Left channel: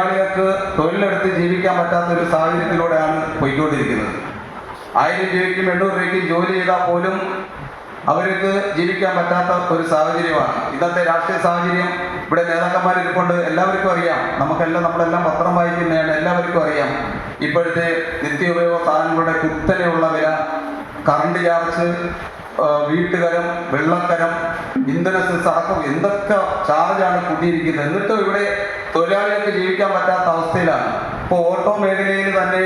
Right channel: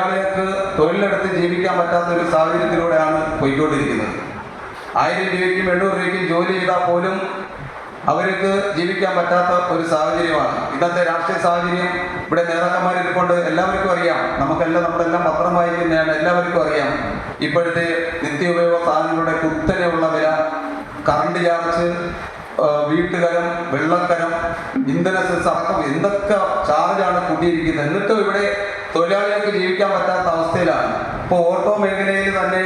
തൊഴിലാളികൾക്ക് തൊഴിലെടുത്ത് ജീവിക്കാൻ പറ്റാത്ത ഒരു സാഹചര്യത്തിലൂടെയാണ് പോയിക്കൊണ്ടിരിക്കുന്നത്. 1000 രൂപയ്ക്കും 800 രൂപയ്ക്കും ജോലി ചെയ്താൽ പോലും അവർക്ക് ജീവിക്കാൻ പറ്റാത്ത ഒരു സാഹചര്യമാണ് ഇന്നത്തെ രാഷ്ട്രീയ സാഹചര്യം. ഇവിടെ നേതാക്കന്മാരിരിക്കൊണ്ട് എല്ലാവർക്കും അറിയാം, നമ്മളെല്ലാം പത്രം വായിക്കുന്നതാണ്, എല്ലാവർക്കും അറിയാം ഇപ്പോഴത്തെ നിത്യോപയോഗ സാധനങ്ങളുടെ കുത്തനെയുള്ള വില, കറണ്ട് ചാർജ്, വീട്ടുകരം, വെള്ളക്കരം, ഇന്ധന സെസ് അടക്കം എന്തൊക്കെ ചാർജാണ് കൂട്ടിയിരിക്കുന്നത്. എന്നിട്ടും ഇവിടെ തൊഴിലാളികൾക്ക് ജീവിക്കാൻ പറ്റാത്ത അവസ്ഥയിലാണ്. ഇപ്പോൾ ഓട്ടോ മേഖലയിൽ തന്നെ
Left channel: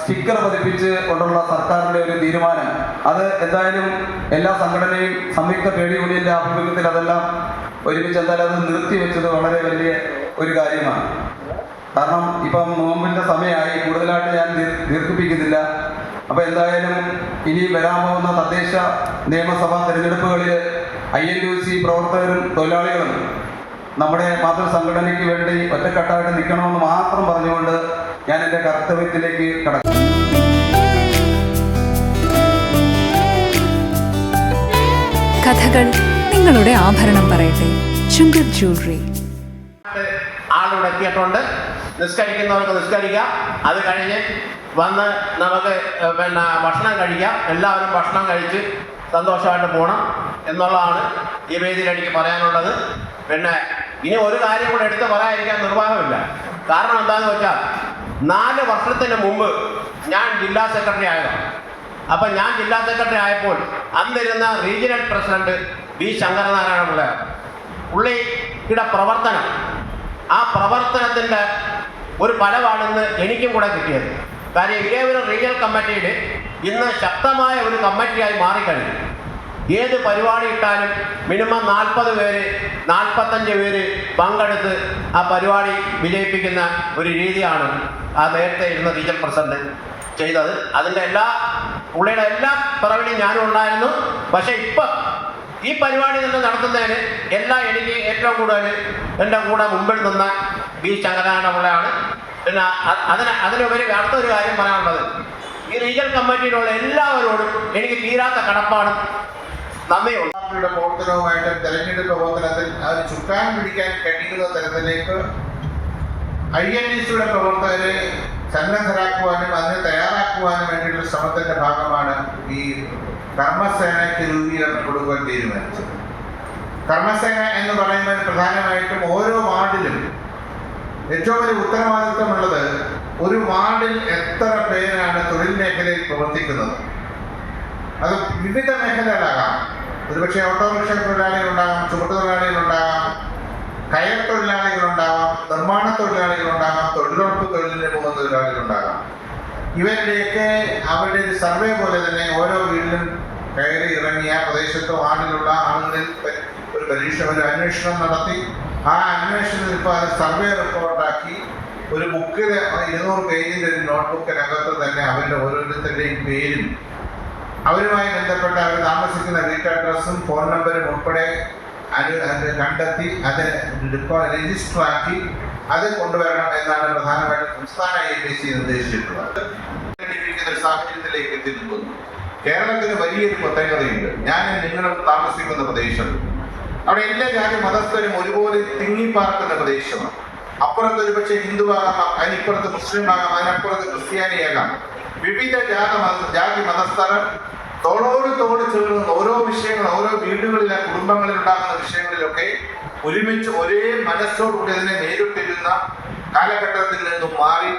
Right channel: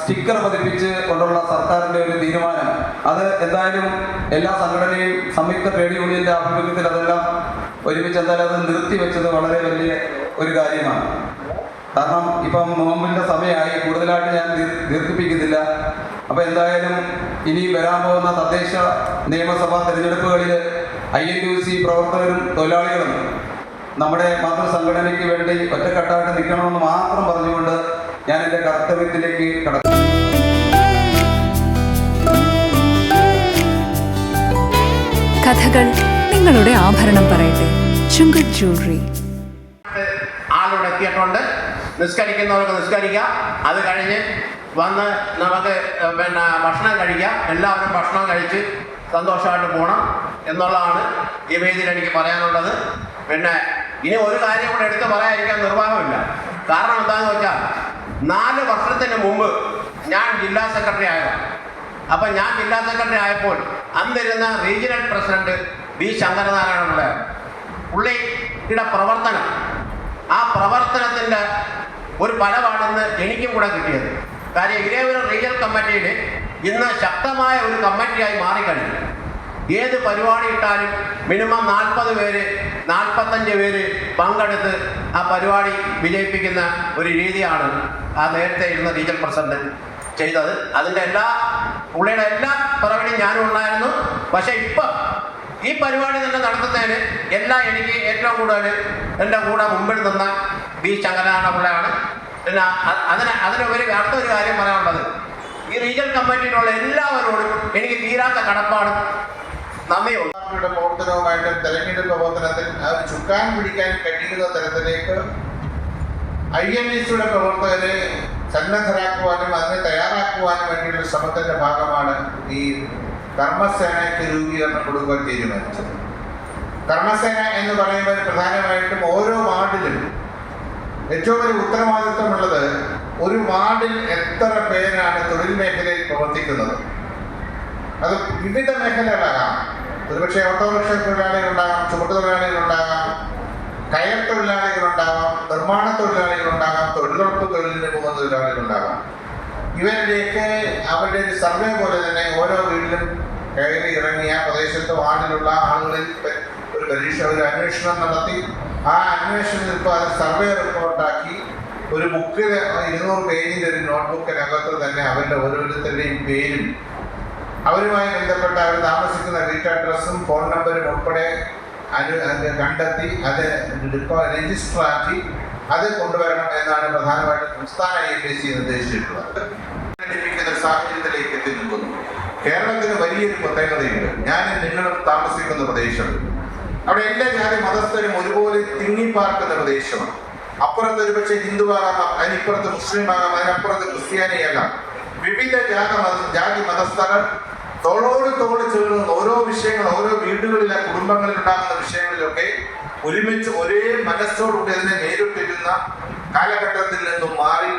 സ്റ്റിക്കർ പതിപ്പിച്ച് കൊണ്ടുള്ള സർക്കാരിൻ്റെ ഒരു തീരുമാനം, അത് എന്തായാലും എല്ലാ സംഘടനയും സംയുക്ത ട്രേഡ് യൂണിയൻ്റെ ആഭിമുഖ്യത്തിൽ അതെല്ലാം ഒരുമിച്ച് എന്തായാലും അത് നിർത്തിവെച്ചത് വളരെ വലിയ ഒരു കാര്യമാണ്. കാരണം ഇപ്പം നോമ്പിൻ്റെ സമയമായി, കൂടുതലായിട്ട് ഞാൻ ദീർഘിപ്പിക്കുന്നില്ല. അപ്പോൾ എന്തായാലും ഇനി വരാൻ പോകുന്ന തദ്ദേശ നിയമസഭാ തെരഞ്ഞെടുപ്പുകളിൽ INTUC പ്രവർത്തകരും തൊഴിലാളികളും നമ്മുടെ മാതൃസംഘടനയ്ക്ക് വേണ്ടി ഒറ്റക്കെട്ടായിട്ട് നിൽക്കണമെന്ന് മാത്രം പറഞ്ഞുകൊണ്ട് ഞാൻ എൻ്റെ കർത്തവ്യത്തിലേക്ക് കടക്കും. കഥകൾ നിങ്ങളുടെ ആഭരണം പറയട്ടെ. ചുങ്കത് ജ്വല്ലറി. ആളിവിടെ എത്തിയിട്ടുണ്ട്. നിസ്കരിക്കുന്നവർക്ക് നിസ്കരിക്കാം. അത് കഴിഞ്ഞ് വന്ന് നമുക്ക് ഭക്ഷണം കഴിക്കാം. എല്ലാവരും ഭക്ഷണം കഴിച്ച് സന്തോഷമായിട്ട് പോകണം എന്നുള്ളതാണ് ഈ വേദിയിൽ എനിക്ക് പറയാനുള്ളത്. പിന്നെ ഇനി ഒരു കാര്യം കൂടെ എടുത്ത് പറയാതിരിക്കാൻ നിർവാഹമില്ല. കാരണം എന്താണെന്ന് വെച്ചാൽ 4 വർഷത്തിന് മുമ്പ് ഞാൻ ജില്ലാ സെക്രട്ടറി ആയതാണ്. അപ്പം ഞാൻ ജില്ലാ സെക്രട്ടറി ആയപ്പോൾ അന്നിരുന്ന റീജിയണൽ പ്രസിഡന്റ് B. ശങ്കരനാരായണ പുള്ളിയുടെ പ്രവർത്തനം, ആ പ്രവർത്തനത്തിൻ്റെ ഒരു ഫലമാണെന്ന് എനിക്കും കൂടെ കിട്ടിയത്. കാര്യം ഇരേപുരം റീജിയണൽ കമ്മിറ്റിയിൽ ഇന്ന് ശക്തമായ ഒരു കമ്മിറ്റിയായി മാറിക്കഴിഞ്ഞു. ഏത് പരിപാടി ഇട്ടാലും മിനിമം 40 പേര് 45 പേര് പങ്കെടുത്ത് ആ പരിപാടി വിജയിപ്പിക്കുന്ന ഒരു രീതിയാണ് ആ നേരത്തെ ഇരുന്ന റീജിയണൽ പ്രസിഡന്റ് ചെയ്തത്. അതിൻ്റെ പുള്ളിയുടെ എല്ലാ പിറവിലും ഞാനും ഉണ്ടായിരുന്നു. പക്ഷേ ഇപ്പം ഈ പരിപാടി തന്നെ നടത്തുന്നതിന് എനിക്ക് ഏറ്റവും കൂടുതൽ എൻ്റെ കൂടെ മുമ്പിൽ നിന്ന B. ശങ്കരനാരായണ പിള്ളയാണ്. പിന്നെ അതിനുപരി അടുത്തൊരു കാര്യം പറയാനുള്ളത്, ഈ റീജിയണൽ കമ്മിറ്റിയിലുള്ള എല്ലാവരോടും എനിക്ക് തീരാത്ത കടപ്പാടും നന്ദിയുണ്ട്. പാർട്ടിയുടെ പ്രവർത്തനവുമായിട്ട് തെരഞ്ഞെടുപ്പ് പ്രവർത്തനത്തിൽ അത് ചുക്കാൻ പിടിക്കാൻ കഴിയുന്ന തരത്തിലേക്ക് INTUCയുടെ പ്രവർത്തകരെ സന്നദ്ധരാക്കുവാനും അതിനെ തയ്യാറാക്കുവാനും വേണ്ടിയുള്ള ശ്രമത്തിന്റെ ഭാഗമാണ് ഈ കർമ്മസേനയ്ക്ക് രൂപീകരണം കൊടുക്കാൻ തീരുമാനിച്ചത്. കർമ്മസേന എന്ന് പറയുന്നത് പ്രധാനമായിട്ടും ഓരോ വാർഡിലും ഏറ്റവും വലിയ ഉത്തരവാദിത്വമുള്ളത് ഒരു വാർഡിൽ എത്ര പേരാണ് തൊഴിൽ മേഖലയിൽ പ്രവർത്തിക്കുന്നത്. അത് വിവിധ മേഖലകളാകാം. ഒരുപക്ഷെ ഓട്ടോറിക്ഷ തൊഴിലാളികളുണ്ടാകാം, ചുമട്ടുതൊഴിലാളികളുണ്ടാകാം, കയർ തൊഴിലാളികളുണ്ടാകാം, നിർമ്മാണ തൊഴിലാളികളുണ്ടാകാം, തൊഴിലുറപ്പ് തൊഴിലിന് പോകുന്ന തൊഴിലാളികളുണ്ടാകാം. ഇവരുടെയൊക്കെ അവരുടെ ഒരു സർവേ പോലെ തന്നെ ഓരോ വീട്ടിലും കയറി ഇറങ്ങിയ പ്രദേശത്ത് വാർഡിലുള്ള ആളുകളിൽ ഒരു അന്വേഷണം നടത്തി ആ അന്വേഷണത്തിൽ ഇപ്പോൾ അത് സർവേ റിപ്പോർട്ടാക്കി ഒരു ബുക്കിൽ 200 പേജിൻ്റെ ഒരു നോട്ട്ബുക്കിനകത്ത് തന്നെ അവരുടെ ഓരോരുത്തരുടെയും പേരും അവരുമായി ബന്ധപ്പെട്ട അവർ താമസിക്കുന്ന വീട്ട് അഡ്രസ്സും ഫോൺ നമ്പരും ഉൾപ്പെടെ കണ്ടെത്തി അത് രജിസ്റ്ററാക്കി അത് കൊണ്ടുവരണം എന്നാണ് പ്രധാനമായിട്ടും സംസ്ഥാന INTUC നിർദ്ദേശിച്ചിട്ടുള്ളത്. ഒരു സാഹചര്യത്തിലേക്ക് എത്തി നിൽക്കുന്നു. കേരളത്തിന് വലിയൊരു പ്രത്യേകതയുണ്ട്. നിങ്ങളും താമസിക്കുന്ന പ്രദേശം, അവിടെ എല്ലാ ജാതി മതസ്ഥരും ഒരുപോലെ തിങ്ങിപ്പാർക്കുന്ന പ്രദേശമാണ്. അപ്പുറത്ത് ഒരുപക്ഷെ ഹിന്ദുവാകാം, അതിനിപ്പുറത്ത് മുസ്ലിമാകാം, അതിനപ്പുറത്ത് ക്രിസ്ത്യാനിയാകാം. വിവിധ ജാതി മതസ്ഥർ തോളോട് തോട് ചേർന്ന് ഓരോ വിഷയങ്ങൾ, ഓരോ വീടുകളിലെ കുടുംബങ്ങളിൽ ഉണ്ടാകുന്ന വിഷയങ്ങളിലൊക്കെ ഒരുമിച്ച് ഒരേ മനസ്സോടുകൂടി അതിനെ നേരിട്ടിരുന്ന കാലഘട്ടത്തിൽ നിന്നും മാറി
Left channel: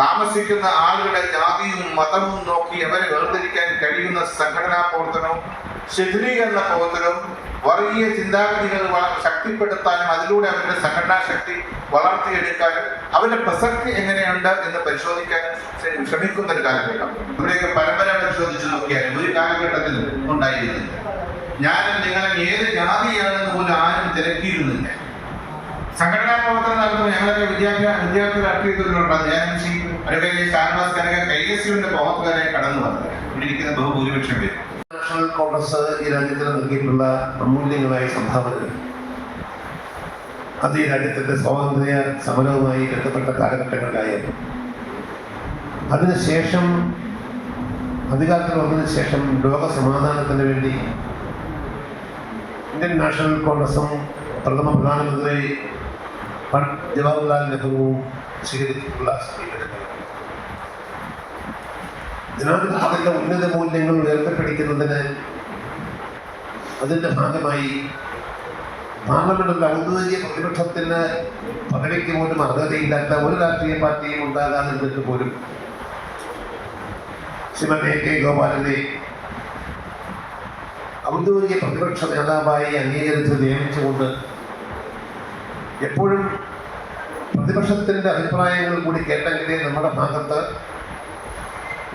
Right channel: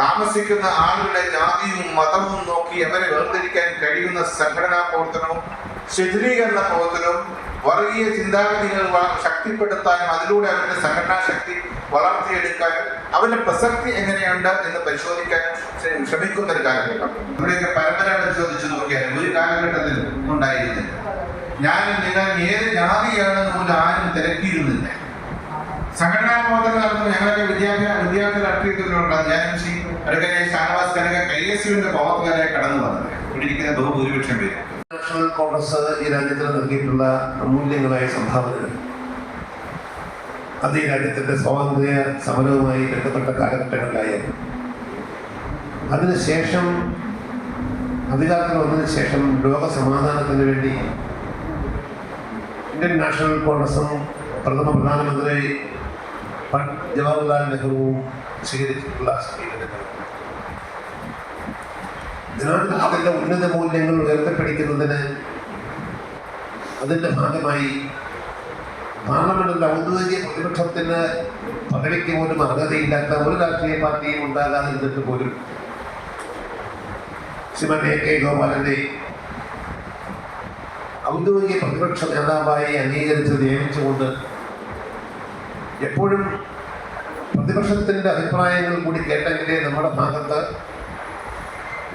താമസിക്കുന്ന ആളുകളുടെ ജാതിയും മതവും നോക്കി അവരെ വേർതിരിക്കാൻ കഴിയുന്ന സംഘടനാ പ്രവർത്തനവും ശിഥിലീകരണ പ്രവർത്തനവും വർഗീയ ചിന്താഗതികൾ ശക്തിപ്പെടുത്താനും അതിലൂടെ അവരുടെ സംഘടനാ ശക്തി വളർത്തിയെടുക്കാനും അവരുടെ പ്രസക്തി എങ്ങനെയുണ്ട് എന്ന് പരിശോധിക്കാനും ശ്രമിക്കുന്ന ഒരു കാലഘട്ടം. നമ്മുടെയൊക്കെ പരമ്പര പരിശോധിച്ച് നോക്കിയാൽ ഒരു കാലഘട്ടത്തിൽ ഉണ്ടായിരുന്നില്ല. നിങ്ങൾ ഏത് ജാതിയാണെന്ന് പോലും ആരും തിരക്കിയിരുന്നില്ല. സംഘടനാ പ്രവർത്തനം നടത്തുമ്പോൾ ഞങ്ങളൊക്കെ വിദ്യാർത്ഥി രാഷ്ട്രീയത്തിലുണ്ടാകും. ഞാൻ ഷാനവാസ് കനക KSUവിന്റെ പ്രവർത്തകരായി കടന്നു വന്നത് ഇവിടെ ഇരിക്കുന്ന ബഹുഭൂരിപക്ഷം പേര്. നാഷണൽ കോൺഗ്രസ് ഈ രാജ്യത്തിന് നൽകിയിട്ടുള്ള അമൂല്യങ്ങളായ സംഭാവനകൾ അത് ഈ രാജ്യത്തിൻ്റെ സ്വാതന്ത്ര്യ സമരവുമായി ബന്ധപ്പെട്ട കാലഘട്ടങ്ങളിലായിരുന്നു. അതിനുശേഷം അധികാരത്തിൽ വന്നതിന് ശേഷം ലോക സമാധാനത്തിന് വേണ്ടി ഇന്ത്യൻ നാഷണൽ കോൺഗ്രസും പ്രഥമ പ്രധാനമന്ത്രി ജവഹർലാൽ നെഹ്റുവും സ്വീകരിച്ചിട്ടുള്ള സമീപനങ്ങൾ ജനാധിപത്യത്തിന്റെ ഉന്നത മൂല്യങ്ങൾ ഉയർത്തിപ്പിടിക്കുന്നതിന് അതിന്റെ ഭാഗമായി പാർലമെന്റിൽ ഔദ്യോഗിക പ്രതിപക്ഷത്തിന് പദവിക്ക് പോലും അർഹതയില്ലാത്ത ഒരു രാഷ്ട്രീയ പാർട്ടിയും ഉണ്ടാകാതിരുന്നിട്ട് പോലും ശ്രീമതി കെ ഗോപാലനെ ഔദ്യോഗിക പ്രതിപക്ഷ നേതാവായി അംഗീകരിച്ച് നിയമിച്ചുകൊണ്ട് എപ്പോഴും പ്രതിപക്ഷത്തിന്റെ അഭിപ്രായങ്ങൾ കൂടി കേട്ടെങ്കിലേ നമ്മുടെ ഭാഗത്ത്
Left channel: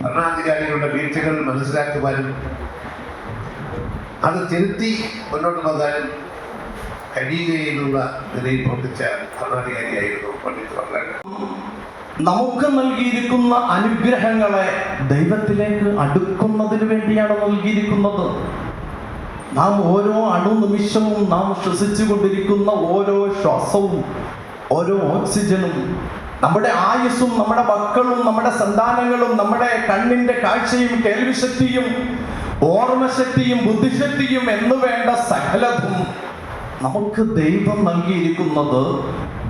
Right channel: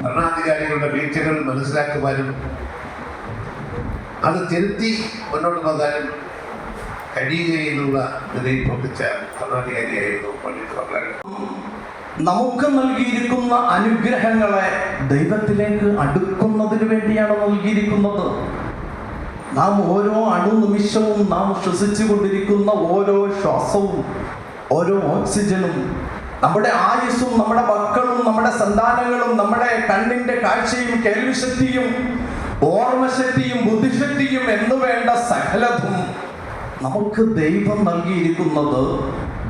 ഭരണാധികാരികളുടെ വീഴ്ചകൾ മനസ്സിലാക്കുവാനും അത് തിരുത്തി മുന്നോട്ട് പോകാനും കഴിയുകയെന്നുള്ള നിലയിൽ പ്രവർത്തിച്ച ഭരണാധികാരിയായിരുന്നു പണ്ഡിറ്റ് ജവഹർലാൽ. നമുക്ക് നൽകിയിരിക്കുന്ന അനുഗ്രഹങ്ങളെ ദൈവത്തിലേക്ക് അടുക്കുന്നതിന് വേണ്ടിയാണ് നൽകിയിരിക്കുന്നത്. നാം ഓരോ അണുനിമിഷവും നാം ശ്വസിച്ചുകൊണ്ടിരിക്കുന്ന ഓരോ ശ്വാസവും ഓരോ ഓക്സിജനും നമ്മുടെ ആയുസ്സും നമ്മുടെ മക്കളും നമ്മുടെ സന്താനങ്ങളും നമ്മുടെ കണ്ണിന്റെ കാഴ്ചയും കേൾവിശക്തിയും ഓർമ്മശക്തിയും ബുദ്ധിശക്തിയും എന്നു വേണ്ട സകലതും നമുക്ക് ദൈവം നൽകിയിരിക്കുന്നത്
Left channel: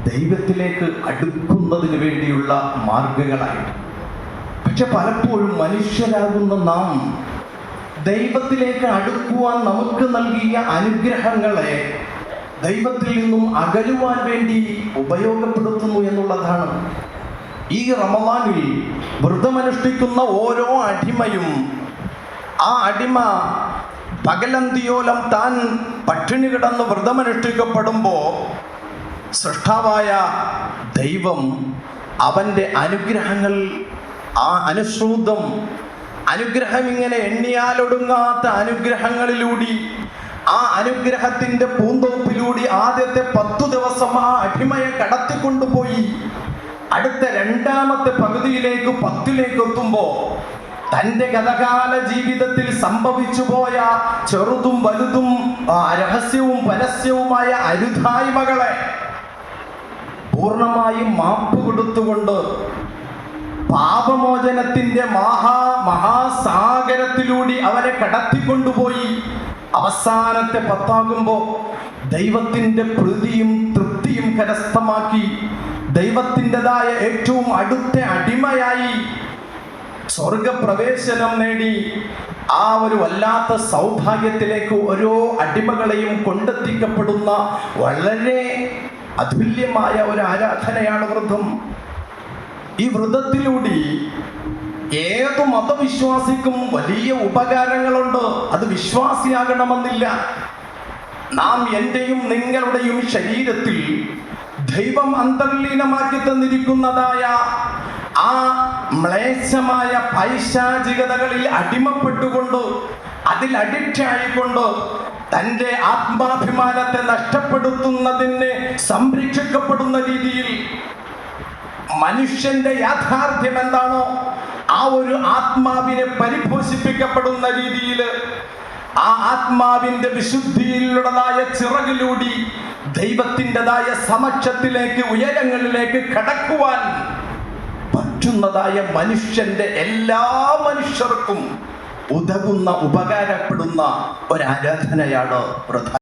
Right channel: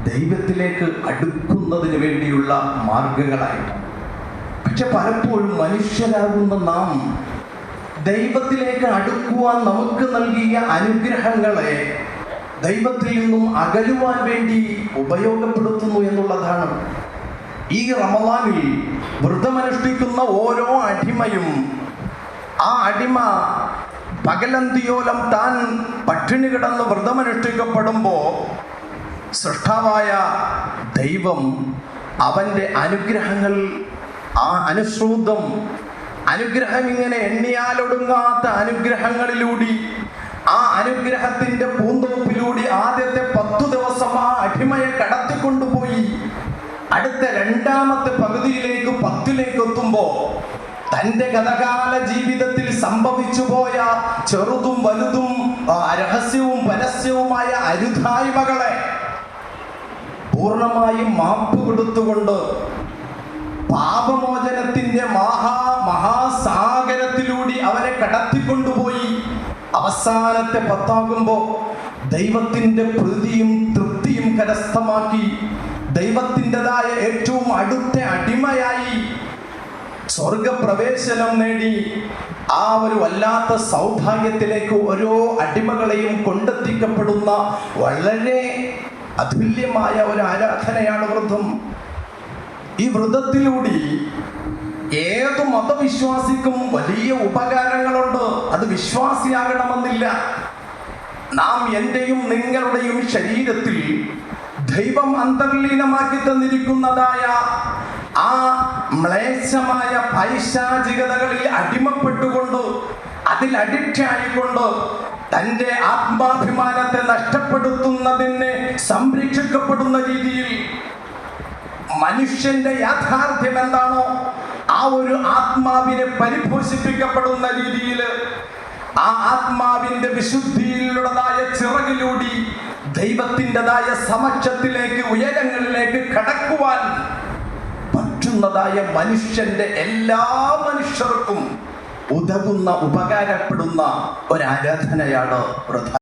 ദൈവത്തിലേക്ക് അടുക്കുന്നതിന് വേണ്ടിയുള്ള മാർഗങ്ങളായിട്ട്. പക്ഷെ പലപ്പോഴും മനുഷ്യരാകുന്ന നാം ദൈവത്തിലേക്ക് അടുക്കുവാൻ നമുക്ക് നൽകിയ അനുഗ്രഹങ്ങളെ ദൈവത്തിൽ നിന്നും അകലുവാൻ വേണ്ടി ഉപയോഗപ്പെടുത്തുന്നു എന്നുള്ളതാണ്. ഈ റമളാനിൽ വ്രതമനുഷ്ഠിക്കുന്ന ഓരോ അടിമയും ആ അടിമ പകലന്തിയോളം താൻ പട്ടിണി കിടന്ന് വ്രതമനുഷ്ഠിക്കപ്പെടുമ്പോൾ സൃഷ്ടാവായ ദൈവം അവൻ്റെ അനുഗ്രഹങ്ങൾ ആ അനുശ്രൂതം അനുഗ്രഹം ഇങ്ങനെ എണ്ണിയാലൊടുങ്ങാത്ത അനുഗ്രഹങ്ങളിലൂടെ ആ അനുഗ്രഹത്തിന്റെ പൂന്തോപ്പിലൂടെ ആദ്യത്തെ 10 ദിവസം ആ അടിമയെ കടത്തിക്കൊണ്ടുപോയി അടുത്ത രണ്ടാമത്തെ പകുതിയിലേക്ക് 10ലേക്ക് എത്തുമ്പോ തന്റെ ഗതകാല ജീവിതത്തിൽ സംഭവിച്ചു പോയ ചെറുതും വലുതും രഹസ്യവും പരസ്യവുമായ അരുതായ്മകളെ പൂർണ്ണമായും മാപ്പ് കൊടുത്തുകൊണ്ട് പാപമോചനത്തിന്റെ മഹാസാഗരത്തിലൂടെ അവരെ കടത്തിക്കൊണ്ടുപോയി അവസാനത്തെ 10 ദൈവത്തിന്റെ പ്രീതിയും തൃപ്തിയും കരസ്ഥമാക്കി ദൈവത്തിൻ്റെതായ ഏറ്റവും അടുത്ത അടിമയായി സ്വർഗപ്രവേശനം നേടി ആ ഒരു വല്ലാത്ത സൗഭാഗ്യത്തിലേക്ക് ഓരോ അടിമകളെയും കൊണ്ടെത്തിക്കപ്പെടുന്ന വളരെ അതുല്യമായ ഒരു ആരാധനയാണ് വ്രതം. ഈ വ്രതത്തിലൂടെ ഏത് മതവിശ്വാസിക്കും വലിയ ഉപകാരങ്ങളുണ്ട്. അത് വിശ്വാസിയാകണമെന്നില്ല. നാം എന്റെയും നിങ്ങളുടെയും ശരീരത്തിൽ ദൈവം അന്തർലീനമാക്കി തന്നിരിക്കുന്നതായ ആ മ്ലേച്ഛമായ പൈശാചികതകളിൽ അടിമപ്പെട്ടുകൊണ്ട് അതിൽ അഡിക്റ്റ് ആയിക്കൊണ്ട് തൻ്റെ ആത്മാഭിമാനത്തെ നഷ്ടപ്പെടുത്തുന്നതിന് സംരക്ഷിക്കപ്പെടുന്ന രീതിയിൽ മനുഷ്യന്റെ യാഥാർത്ഥ്യം എന്താണോ ആ ഒരു ആത്മാവിനെ പരിപോഷിപ്പിക്കപ്പെടുന്ന രീതിയിൽ ആ ആത്മാവിന്റെ വിശുദ്ധിയിലുള്ളതായ ചിറകിലൂടെ ദൈവത്തിൻ്റെതായ സമക്ഷത്തിലേക്ക് ഉയരങ്ങളിലേക്ക് കടക്കുവാൻ പറ്റുന്നതായ മനുഷ്യന്റെ എല്ലാ മനുഷ്യർക്കും ഉതകുന്ന ഉപകാരപ്പെടുന്ന ഒരു ആരാധനയാണ് വ്രതം.